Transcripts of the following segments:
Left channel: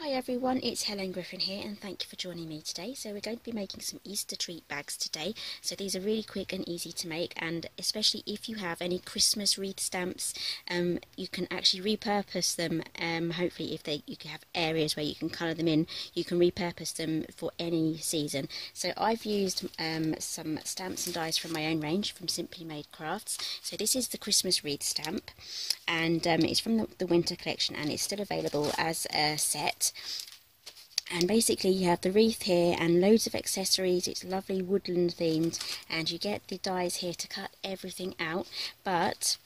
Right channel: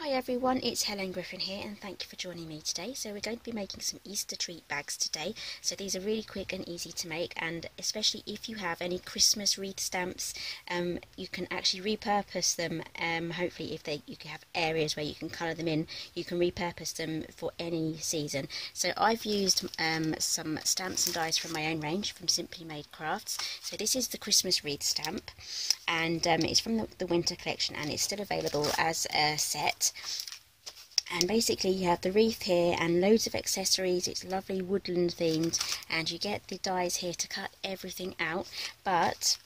Hi everyone, it's Helen Griffin here and thank you for joining me today. So we're going to be making some Easter treat bags today. So these are really quick and easy to make, and especially if you have any Christmas wreath stamps, you can actually repurpose them. Hopefully if you can have areas where you can colour them in, you can repurpose them for any season. So I've used some stamps and dies from my own range from Simply Made Crafts. So this is the Christmas wreath stamp, and it's from the winter collection, and it's still available as a set. And basically you have the wreath here and loads of accessories. It's lovely woodland themed, and you get the dies here to cut everything out, but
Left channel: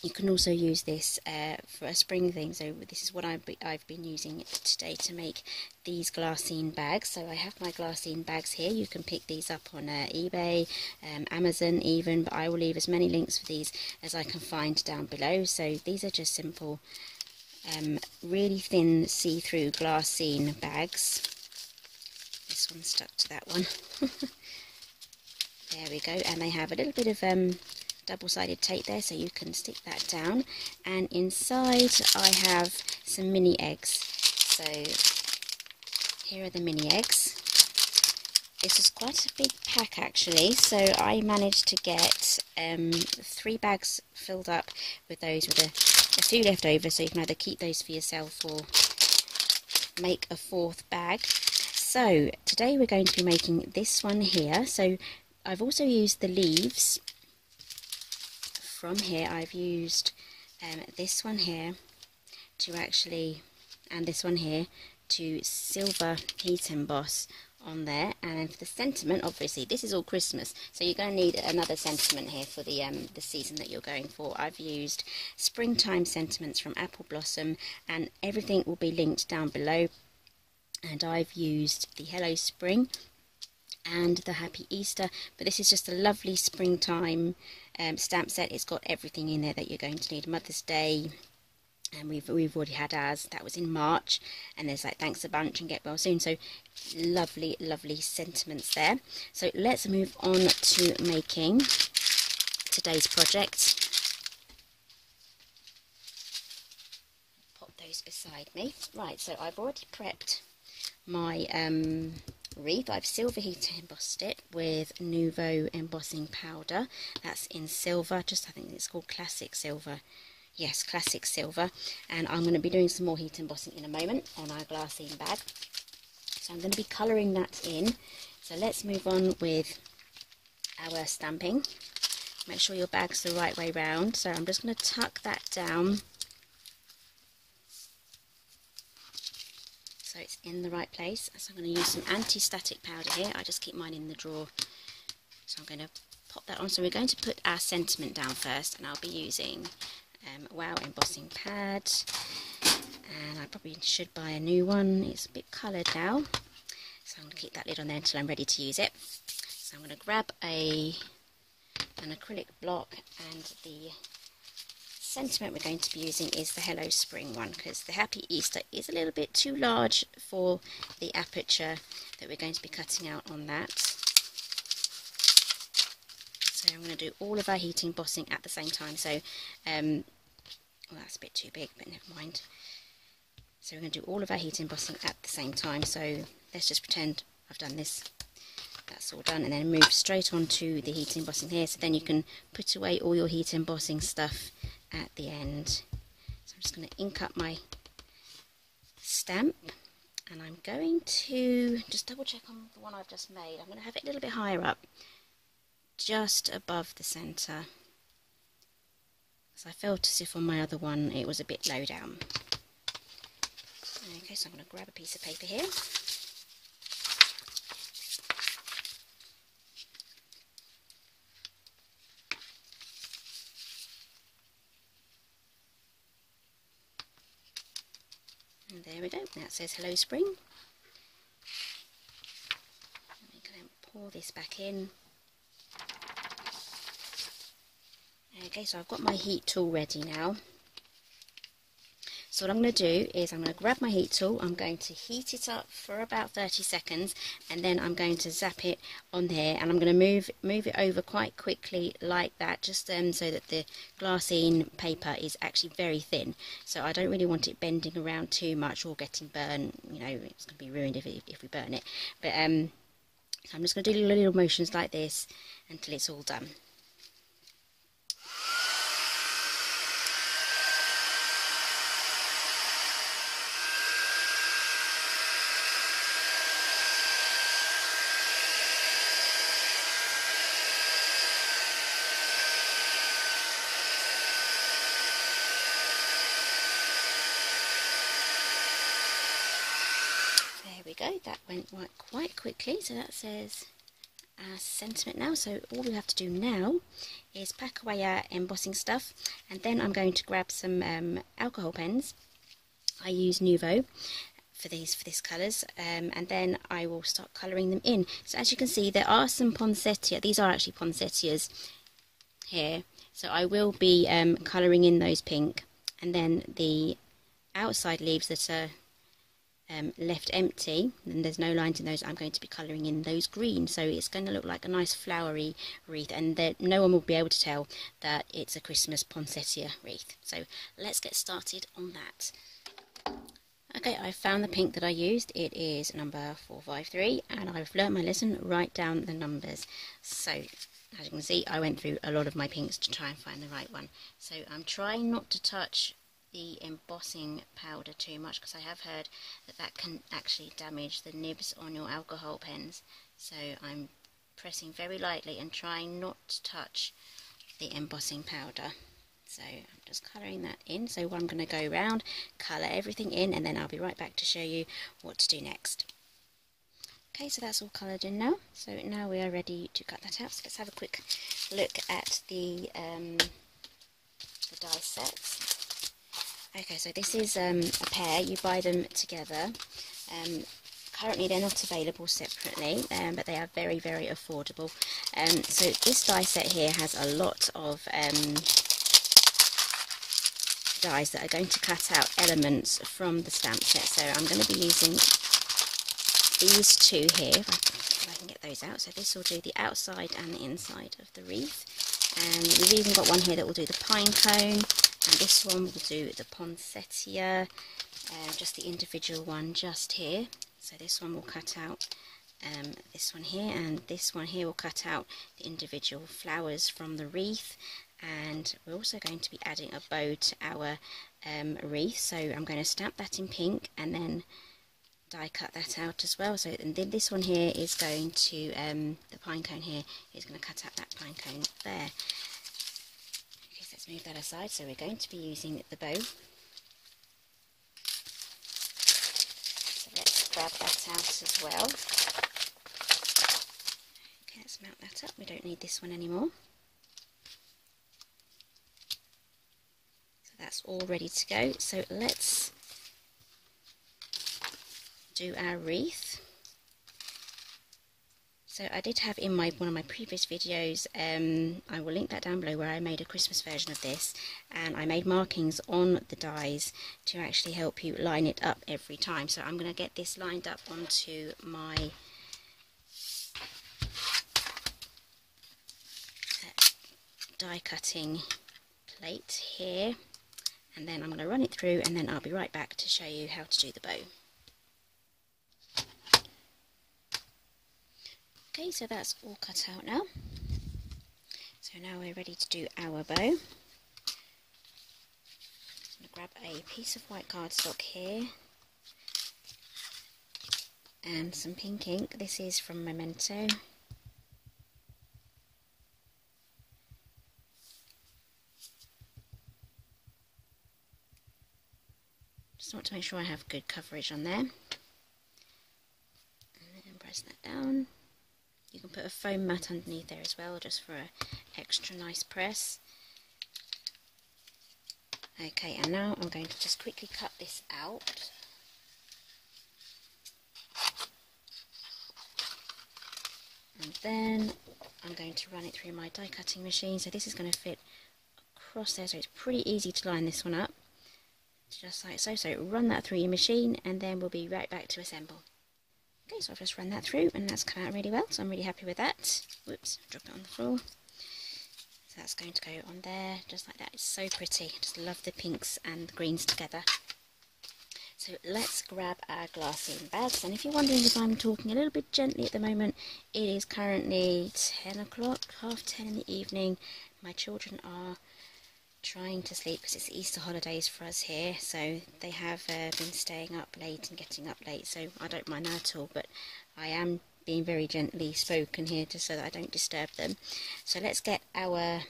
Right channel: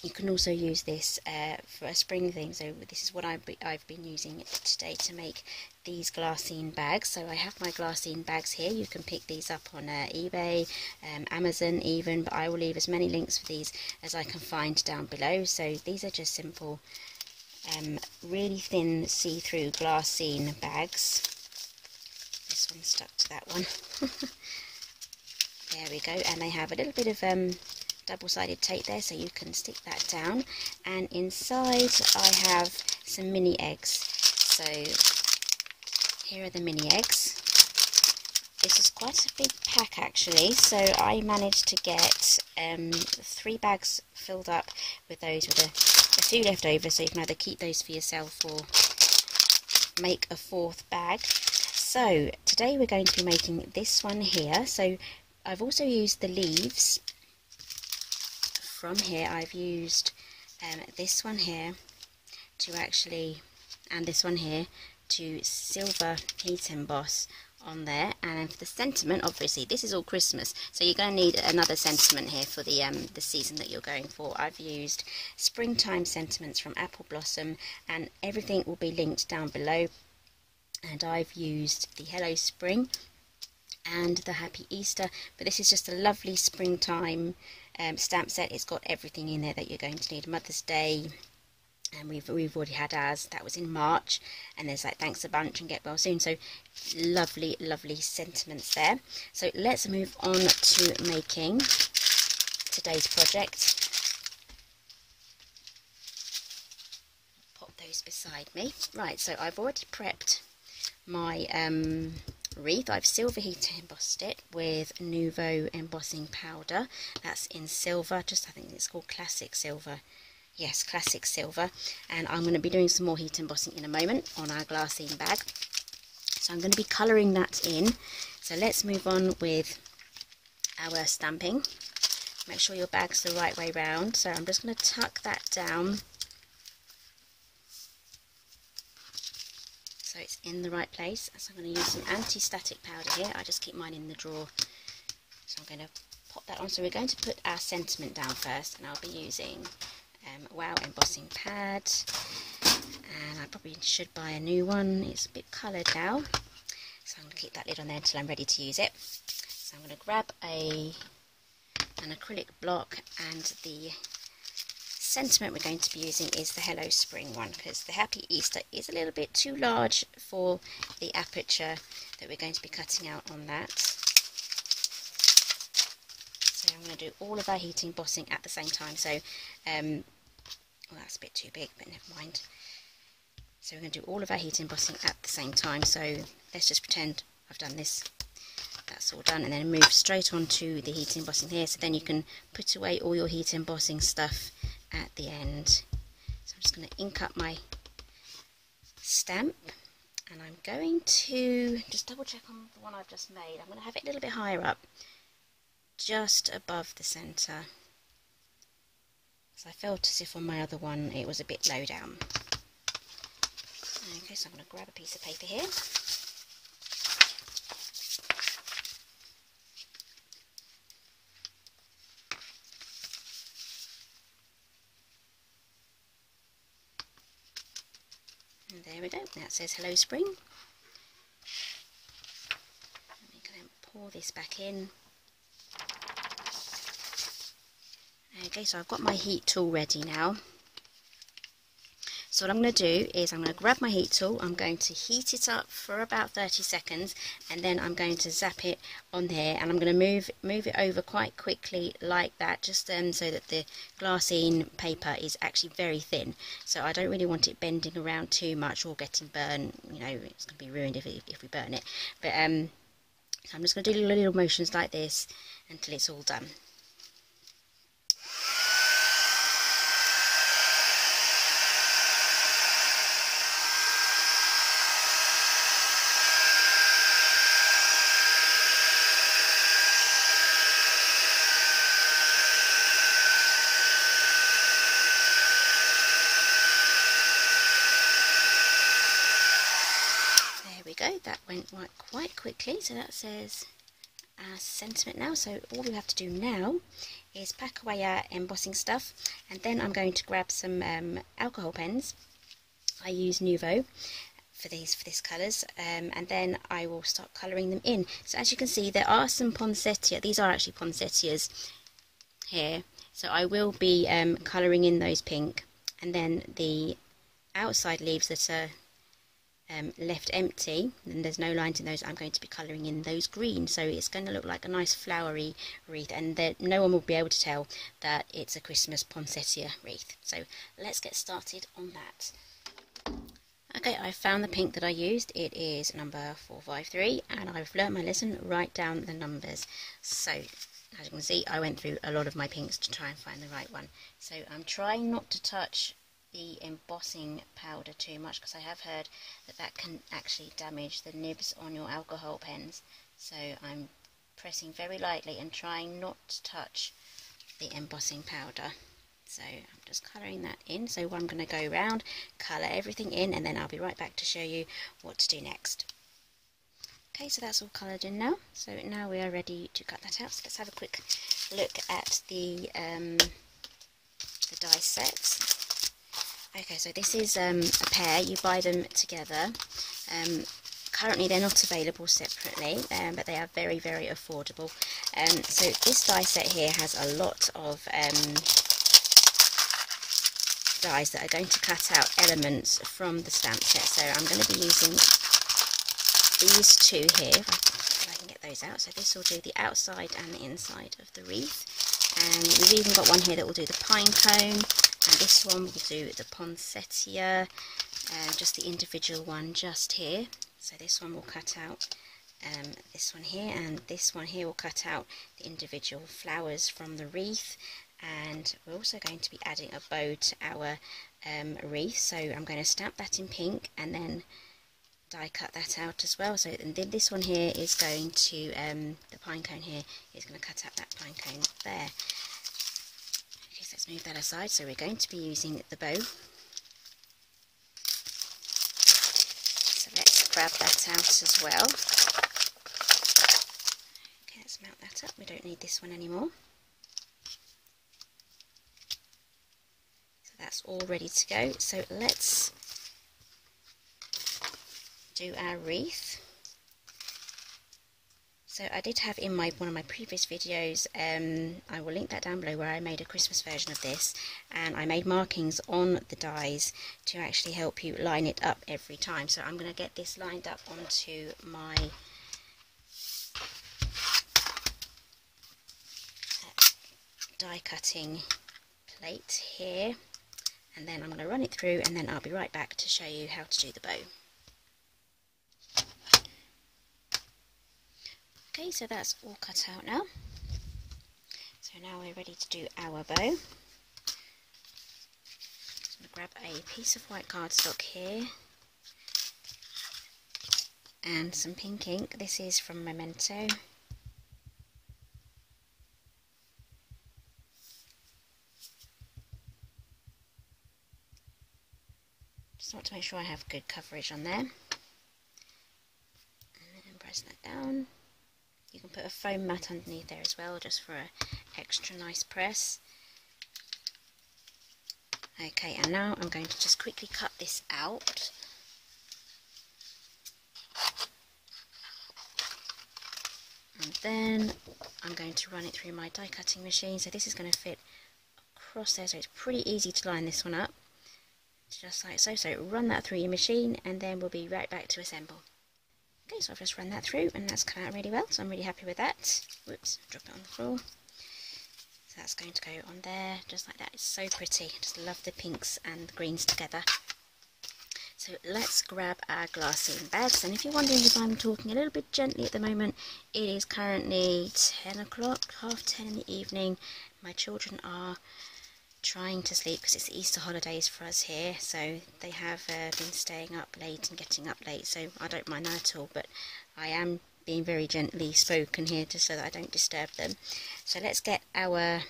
you can also use this for a spring thing. So this is what I've been using today to make these Glassine bags. So I have my Glassine bags here. You can pick these up on eBay, Amazon even, but I will leave as many links for these as I can find down below. So these are just simple really thin see-through Glassine bags. This one stuck to that one. There we go, and they have a little bit of double-sided tape there, so you can stick that down. And inside I have some mini eggs. So here are the mini eggs. This is quite a big pack actually, so I managed to get 3 bags filled up with those, with a few left over, so you can either keep those for yourself or make a 4th bag. So today we're going to be making this one here. So I've also used the leaves from here. I've used this one here to actually, and this one here to silver heat emboss on there. And for the sentiment, obviously this is all Christmas, so you're going to need another sentiment here for the season that you're going for. I've used springtime sentiments from Apple Blossom, and everything will be linked down below. And I've used the Hello Spring and the Happy Easter, but this is just a lovely springtime stamp set. It's got everything in there that you're going to need. Mother's Day, and we've already had ours, that was in March, and there's like thanks a bunch and get well soon. So lovely sentiments there. So let's move on to making today's project. Pop those beside me. Right, so I've already prepped my wreath. I've silver heat embossed it with Nuvo embossing powder. That's in silver, I think it's called classic silver. Yes, classic silver. And I'm going to be doing some more heat embossing in a moment on our Glassine bag. So I'm going to be colouring that in. So let's move on with our stamping. Make sure your bag's the right way round. So I'm just going to tuck that down so it's in the right place. So I'm going to use some anti-static powder here. I just keep mine in the drawer. So I'm going to pop that on. So we're going to put our sentiment down first, and I'll be using Wow embossing pad, and I probably should buy a new one. It's a bit coloured now, so I'm going to keep that lid on there until I'm ready to use it. So I'm going to grab an acrylic block, and the sentiment we're going to be using is the Hello Spring one, because the Happy Easter is a little bit too large for the aperture that we're going to be cutting out on that. So I'm going to do all of our heat embossing at the same time. So well, that's a bit too big, but never mind. So we're going to do all of our heat embossing at the same time. So let's just pretend I've done this. That's all done, and then move straight on to the heat embossing here. So then you can put away all your heat embossing stuff at the end. So I'm just going to ink up my stamp, and I'm going to just double check on the one I've just made. I'm going to have it a little bit higher up, just above the centre. So I felt as if on my other one it was a bit low down. Okay, so I'm going to grab a piece of paper here. And there we go, that says Hello Spring. And we can pour this back in. Okay, so I've got my heat tool ready now. So what I'm going to do is I'm going to grab my heat tool, I'm going to heat it up for about 30 seconds, and then I'm going to zap it on there, and I'm going to move it over quite quickly like that, just so that the glassine paper is actually very thin. So I don't really want it bending around too much or getting burned. You know, it's going to be ruined if we burn it. But so I'm just going to do little motions like this until it's all done. There we go, that went quite quickly, so that says our sentiment now. So all we have to do now is pack away our embossing stuff, and then I'm going to grab some alcohol pens. I use Nuvo for this colours, and then I will start colouring them in. So as you can see, there are some poinsettia, these are actually poinsettias here, so I will be colouring in those pink, and then the outside leaves that are left empty, and there's no lines in those, I'm going to be colouring in those green, so it's going to look like a nice flowery wreath, and no one will be able to tell that it's a Christmas poinsettia wreath. So let's get started on that. Okay, I found the pink that I used. It is number 453, and I've learnt my lesson, write down the numbers. So as you can see, I went through a lot of my pinks to try and find the right one. So I'm trying not to touch the embossing powder too much, because I have heard that can actually damage the nibs on your alcohol pens. So I'm pressing very lightly and trying not to touch the embossing powder. So I'm just colouring that in. So I'm going to go around, colour everything in, and then I'll be right back to show you what to do next. Okay, so that's all coloured in now. So now we are ready to cut that out. So let's have a quick look at the die set. Okay, so this is a pair. You buy them together. Currently they're not available separately, but they are very, very affordable. So this die set here has a lot of dies that are going to cut out elements from the stamp set. So I'm going to be using these two here, if I can get those out. So this will do the outside and the inside of the wreath. And we've even got one here that will do the pine cone. And this one will do the poinsettia, just the individual one just here. So this one will cut out this one here, and this one here will cut out the individual flowers from the wreath. And we're also going to be adding a bow to our wreath. So I'm going to stamp that in pink and then die cut that out as well. So and then this one here is going to, the pine cone here is going to cut out that pine cone there. Let's move that aside. So we're going to be using the bow. So let's grab that out as well. Okay, let's mount that up. We don't need this one anymore. So that's all ready to go. So let's do our wreath. So I did have in one of my previous videos, I will link that down below, where I made a Christmas version of this, and I made markings on the dies to actually help you line it up every time. So I'm going to get this lined up onto my die cutting plate here, and then I'm going to run it through, and then I'll be right back to show you how to do the bow. Okay, so that's all cut out now. So now we're ready to do our bow. I'm going to grab a piece of white cardstock here and some pink ink. This is from Memento. Just want to make sure I have good coverage on there. And then press that down. You can put a foam mat underneath there as well, just for an extra nice press. Okay, and now I'm going to just quickly cut this out. And then I'm going to run it through my die cutting machine. So this is going to fit across there, so it's pretty easy to line this one up. just like so. So run that through your machine and then we'll be right back to assemble. Okay, so I've just run that through and that's come out really well, so I'm really happy with that. Whoops, drop it on the floor. So that's going to go on there, just like that. It's so pretty. I just love the pinks and the greens together. So let's grab our glassine bags, and if you're wondering if I'm talking a little bit gently at the moment, it is currently 10 o'clock, half 10 in the evening. My children are trying to sleep because it's the Easter holidays for us here, so they have been staying up late and getting up late, so I don't mind that at all, but I am being very gently spoken here just so that I don't disturb them. So let's get our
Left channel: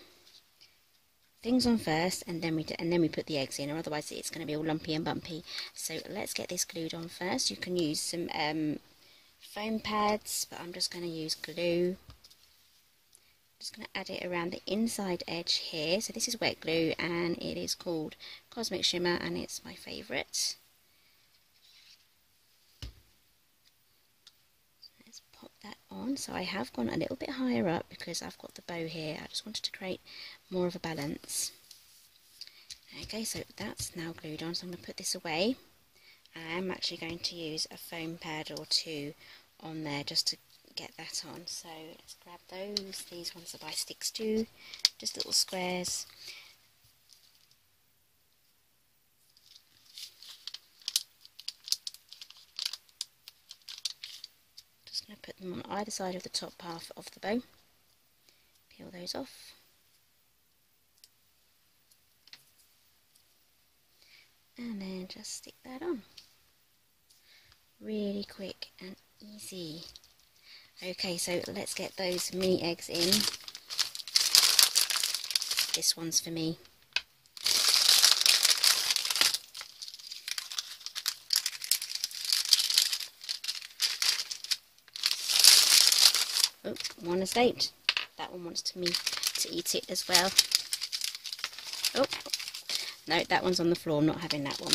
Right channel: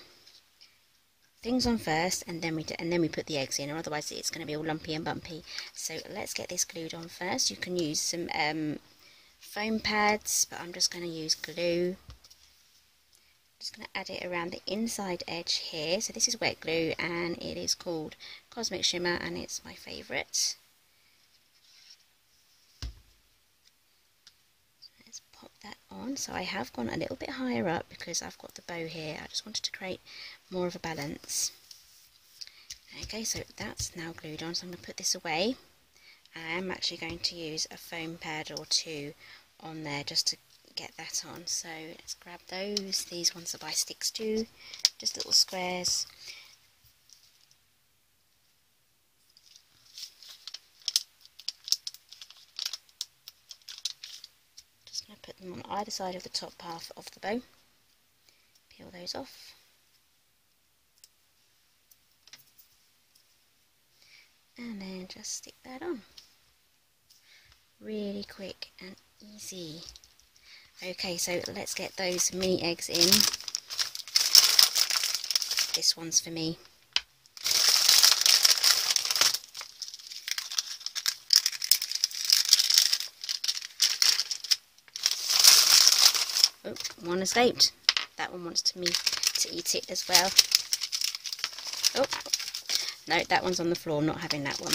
things on first and then we put the eggs in, or otherwise it's going to be all lumpy and bumpy. So let's get this glued on first. You can use some foam pads, but I'm just going to use glue. Just going to add it around the inside edge here. So this is wet glue and it is called Cosmic Shimmer and it's my favourite. So let's pop that on. So I have gone a little bit higher up because I've got the bow here. I just wanted to create more of a balance. Okay, so that's now glued on, so I'm going to put this away. I'm actually going to use a foam pad or two on there just to get that on. So let's grab those. These ones are by Sticks too, just little squares. Just going to put them on either side of the top half of the bow. Peel those off. And then just stick that on. Really quick and easy. Okay, so let's get those mini eggs in. This one's for me. Oh, one escaped. That one wants me to eat it as well. Oh, no, that one's on the floor. I'm not having that one.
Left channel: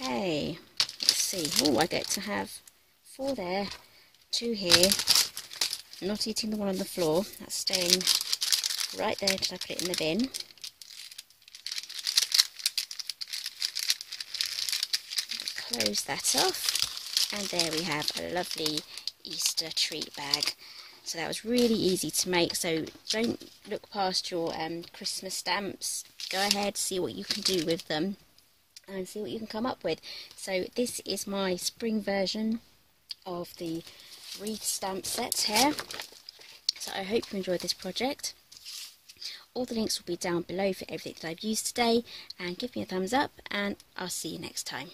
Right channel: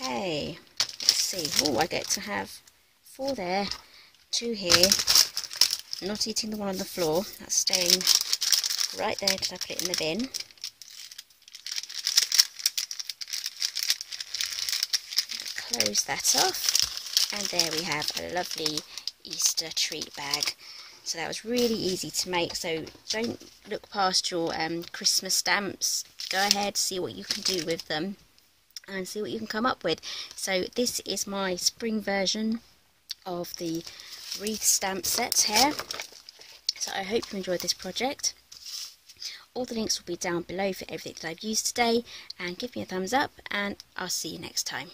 Okay, let's see. Oh, I get to have 4 there, 2 here. Not eating the one on the floor. That's staying right there till I put it in the bin. Close that off, and there we have a lovely Easter treat bag. So that was really easy to make, so don't look past your Christmas stamps. Go ahead, see what you can do with them and see what you can come up with. So this is my spring version of the wreath stamp set here. So I hope you enjoyed this project. All the links will be down below for everything that I've used today, and give me a thumbs up and I'll see you next time.